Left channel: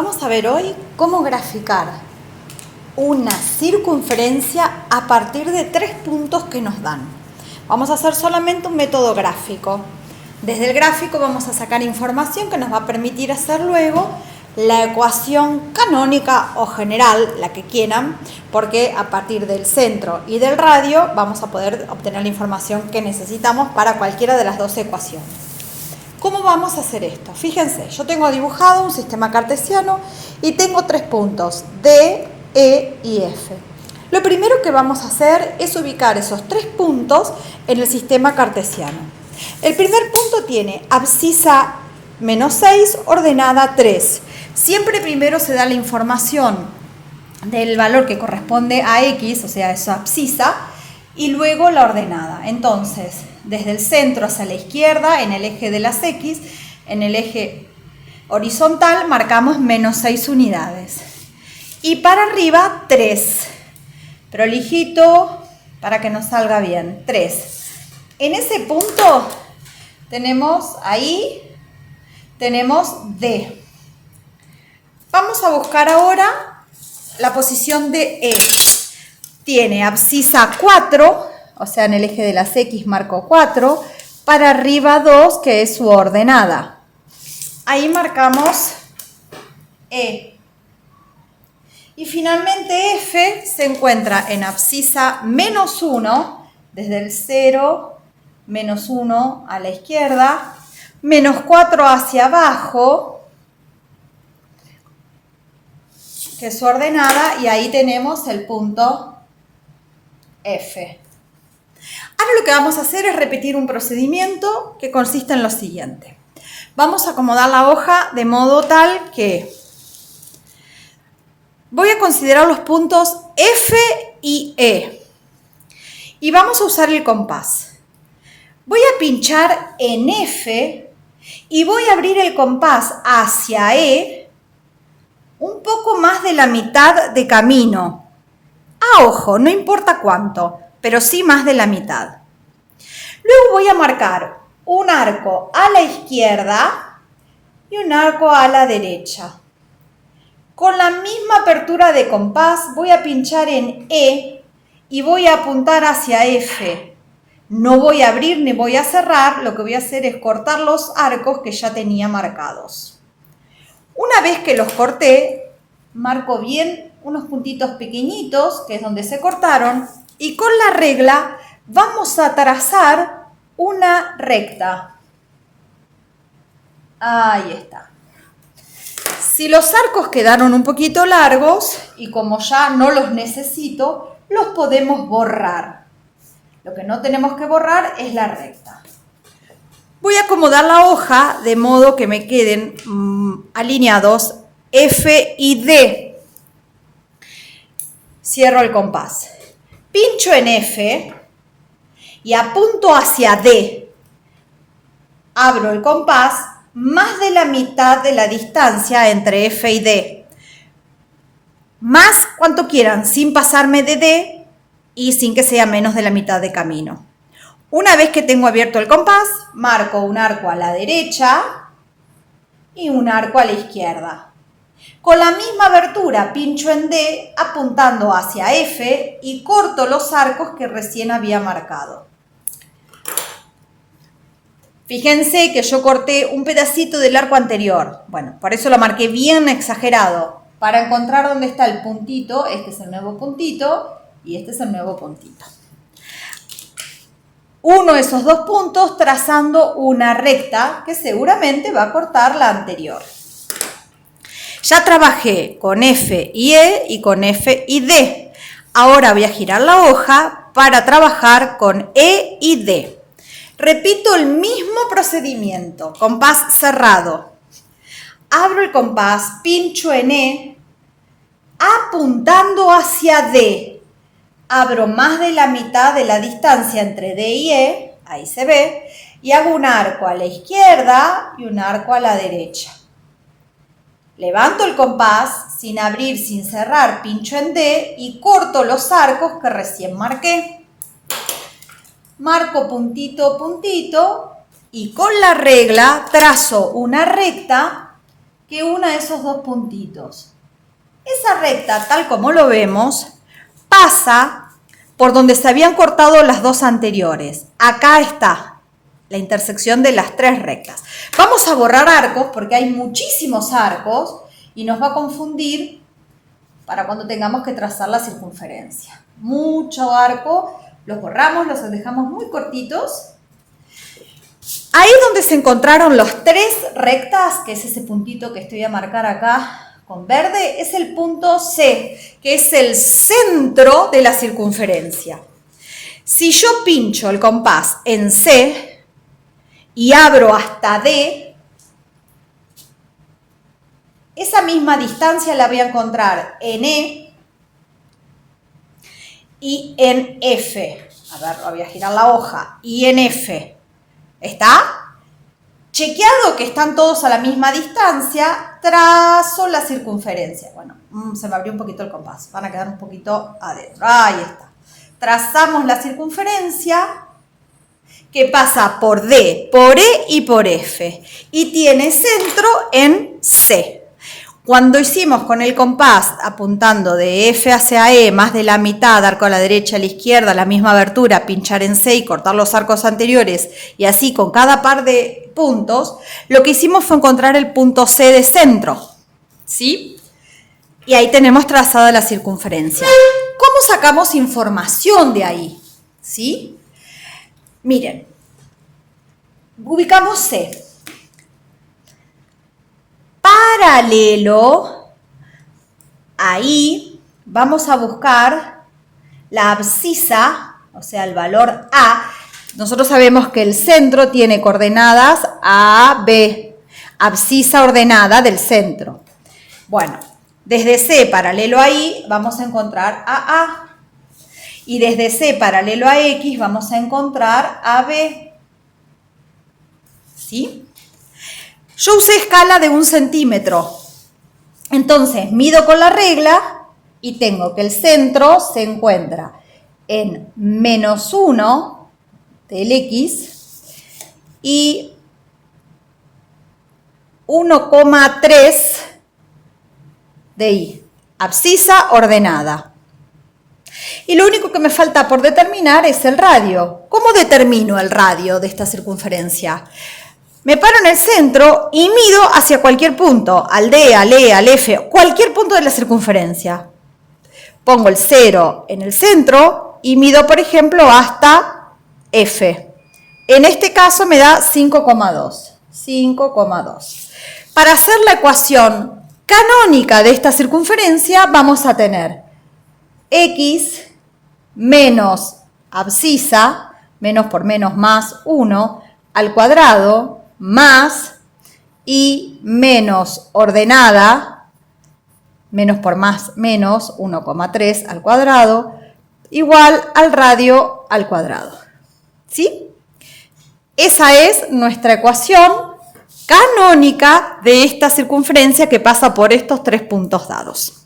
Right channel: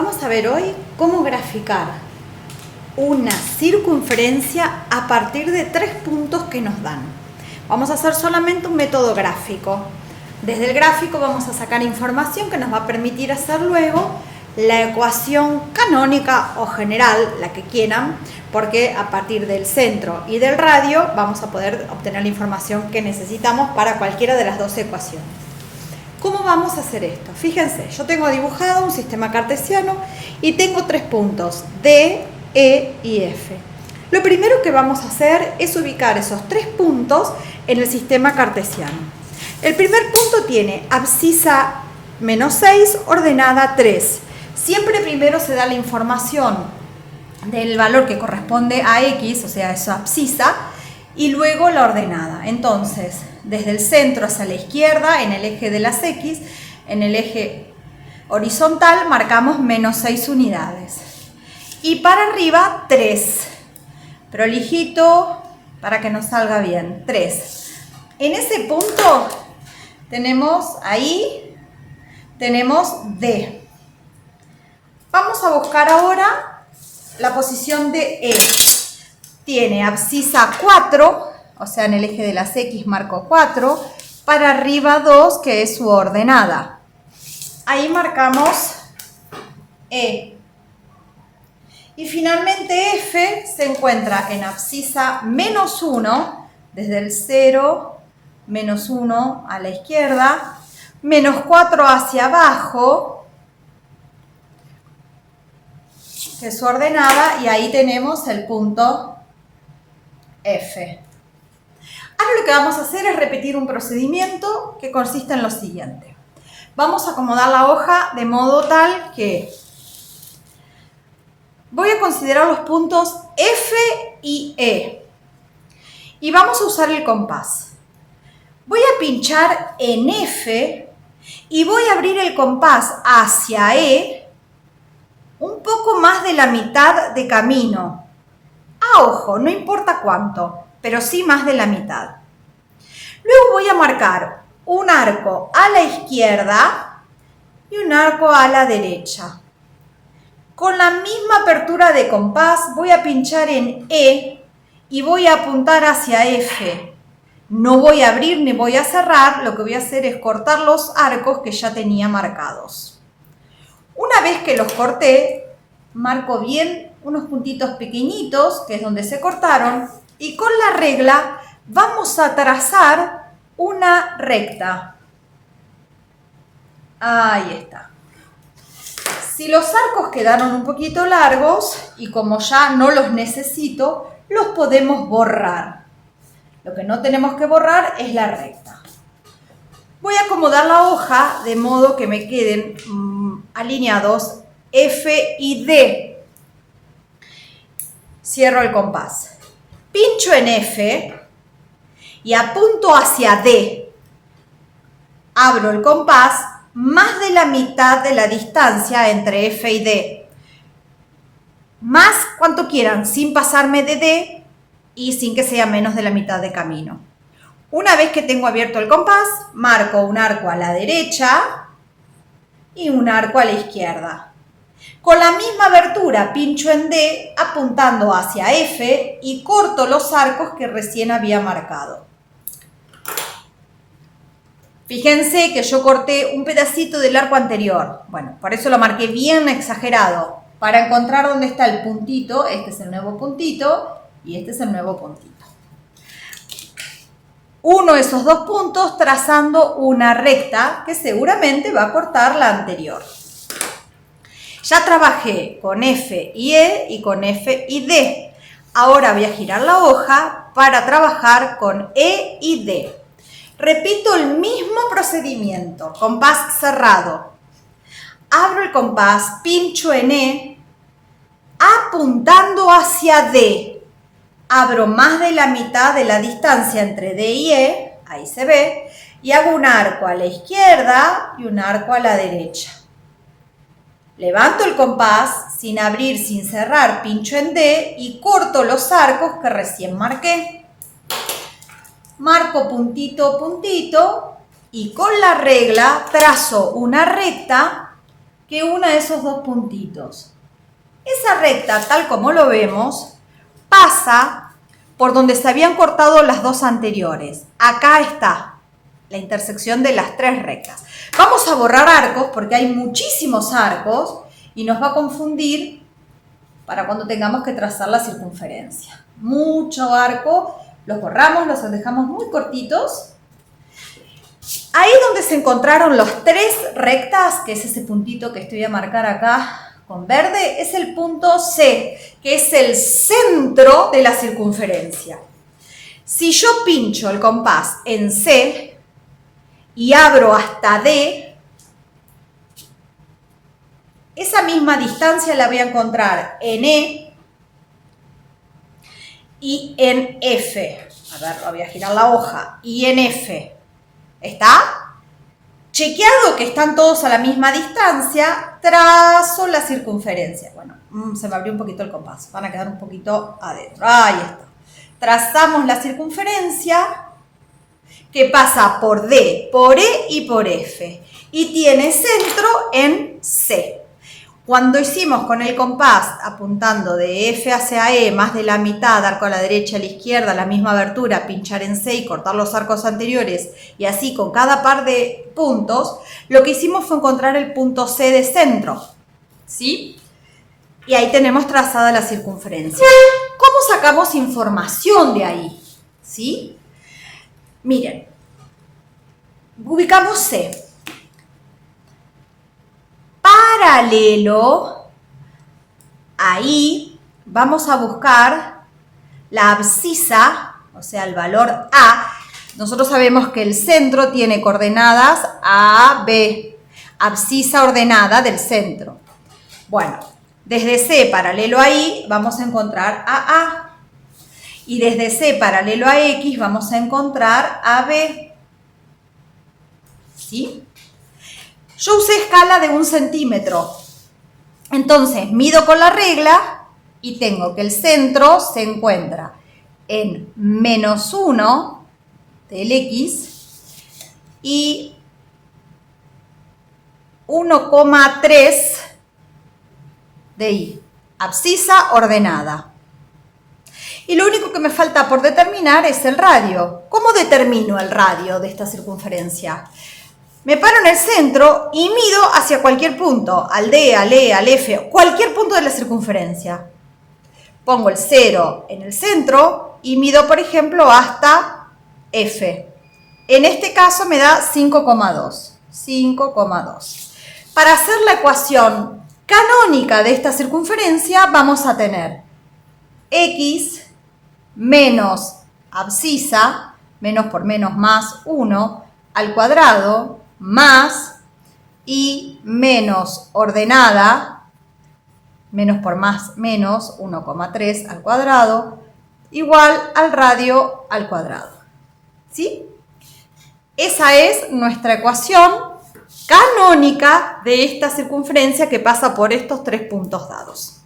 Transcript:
Vamos a ver hoy cómo graficar una circunferencia a partir de 3 puntos que nos dan. Vamos a hacer solamente un método gráfico. Desde el gráfico vamos a sacar información que nos va a permitir hacer luego la ecuación canónica o general, la que quieran, porque a partir del centro y del radio vamos a poder obtener la información que necesitamos para cualquiera de las dos ecuaciones. ¿Cómo vamos a hacer esto? Fíjense, yo tengo dibujado un sistema cartesiano y tengo 3 puntos, D, E y F. Lo primero que vamos a hacer es ubicar esos 3 puntos en el sistema cartesiano. El primer punto tiene abscisa menos 6, ordenada 3. Siempre primero se da la información del valor que corresponde a X, o sea, esa abscisa, y luego la ordenada. Entonces, desde el centro hacia la izquierda, en el eje de las X, en el eje horizontal marcamos menos 6 unidades. Y para arriba 3. Prolijito para que nos salga bien. 3. En ese punto tenemos D. Vamos a buscar ahora la posición de E. Tiene abscisa 4, o sea, en el eje de las X marco 4, para arriba 2, que es su ordenada. Ahí marcamos E. Y finalmente F se encuentra en abscisa menos 1, desde el 0, menos 1 a la izquierda, menos 4 hacia abajo, que es su ordenada, y ahí tenemos el punto F. Ahora lo que vamos a hacer es repetir un procedimiento que consiste en lo siguiente. Vamos a acomodar la hoja de modo tal que voy a considerar los puntos F y E. Y vamos a usar el compás. Voy a pinchar en F y voy a abrir el compás hacia E un poco más de la mitad de camino. A ojo, no importa cuánto, pero sí más de la mitad. Luego voy a marcar un arco a la izquierda y un arco a la derecha. Con la misma apertura de compás voy a pinchar en E y voy a apuntar hacia F. No voy a abrir ni voy a cerrar, lo que voy a hacer es cortar los arcos que ya tenía marcados. Una vez que los corté, marco bien unos puntitos pequeñitos, que es donde se cortaron, y con la regla vamos a trazar una recta. Ahí está. Si los arcos quedaron un poquito largos, y como ya no los necesito, los podemos borrar. Lo que no tenemos que borrar es la recta. Voy a acomodar la hoja de modo que me queden alineados F y D. Cierro el compás. Pincho en F y apunto hacia D. Abro el compás más de la mitad de la distancia entre F y D. Más cuanto quieran, sin pasarme de D y sin que sea menos de la mitad de camino. Una vez que tengo abierto el compás, marco un arco a la derecha y un arco a la izquierda. Con la misma abertura pincho en D apuntando hacia F y corto los arcos que recién había marcado. Fíjense que yo corté un pedacito del arco anterior. Bueno, por eso lo marqué bien exagerado. Para encontrar dónde está el puntito, este es el nuevo puntito y este es el nuevo puntito. Uno de esos dos puntos trazando una recta que seguramente va a cortar la anterior. Ya trabajé con F y E y con F y D. Ahora voy a girar la hoja para trabajar con E y D. Repito el mismo procedimiento, compás cerrado. Abro el compás, pincho en E, apuntando hacia D. Abro más de la mitad de la distancia entre D y E, ahí se ve, y hago un arco a la izquierda y un arco a la derecha. Levanto el compás, sin abrir, sin cerrar, pincho en D y corto los arcos que recién marqué. Marco puntito, puntito y con la regla trazo una recta que una esos dos puntitos. Esa recta, tal como lo vemos, pasa por donde se habían cortado las dos anteriores. Acá está la intersección de las tres rectas. Vamos a borrar arcos porque hay muchísimos arcos y nos va a confundir para cuando tengamos que trazar la circunferencia. Mucho arco, los borramos, los dejamos muy cortitos. Ahí donde se encontraron los tres rectas, que es ese puntito que estoy a marcar acá con verde, es el punto C, que es el centro de la circunferencia. Si yo pincho el compás en C y abro hasta D, esa misma distancia la voy a encontrar en E y en F. A ver, voy a girar la hoja. Y en F. ¿Está? Chequeado que están todos a la misma distancia, trazo la circunferencia. Bueno, se me abrió un poquito el compás. Van a quedar un poquito adentro. Ahí está. Trazamos la circunferencia que pasa por D, por E y por F. Y tiene centro en C. Cuando hicimos con el compás apuntando de F hacia E, más de la mitad, arco a la derecha, a la izquierda, la misma abertura, pinchar en C y cortar los arcos anteriores, y así con cada par de puntos, lo que hicimos fue encontrar el punto C de centro, ¿sí? Y ahí tenemos trazada la circunferencia. ¿Cómo sacamos información de ahí? ¿Sí? Miren, ubicamos C. Paralelo, ahí vamos a buscar la abscisa, o sea, el valor A. Nosotros sabemos que el centro tiene coordenadas A, B, abscisa ordenada del centro. Bueno, desde C paralelo a I vamos a encontrar a A. Y desde C paralelo a X vamos a encontrar a B. ¿Sí? Yo usé escala de 1 centímetro. Entonces, mido con la regla y tengo que el centro se encuentra en -1 del X y 1,3 de Y. Abscisa ordenada. Y lo único que me falta por determinar es el radio. ¿Cómo determino el radio de esta circunferencia? Me paro en el centro y mido hacia cualquier punto, al D, al E, al F, cualquier punto de la circunferencia. Pongo el 0 en el centro y mido, por ejemplo, hasta F. En este caso me da 5,2. 5,2. Para hacer la ecuación canónica de esta circunferencia vamos a tener X menos abscisa, menos por menos más 1, al cuadrado, más y menos ordenada, menos por más menos 1,3 al cuadrado, igual al radio al cuadrado. ¿Sí? Esa es nuestra ecuación canónica de esta circunferencia que pasa por estos tres puntos dados.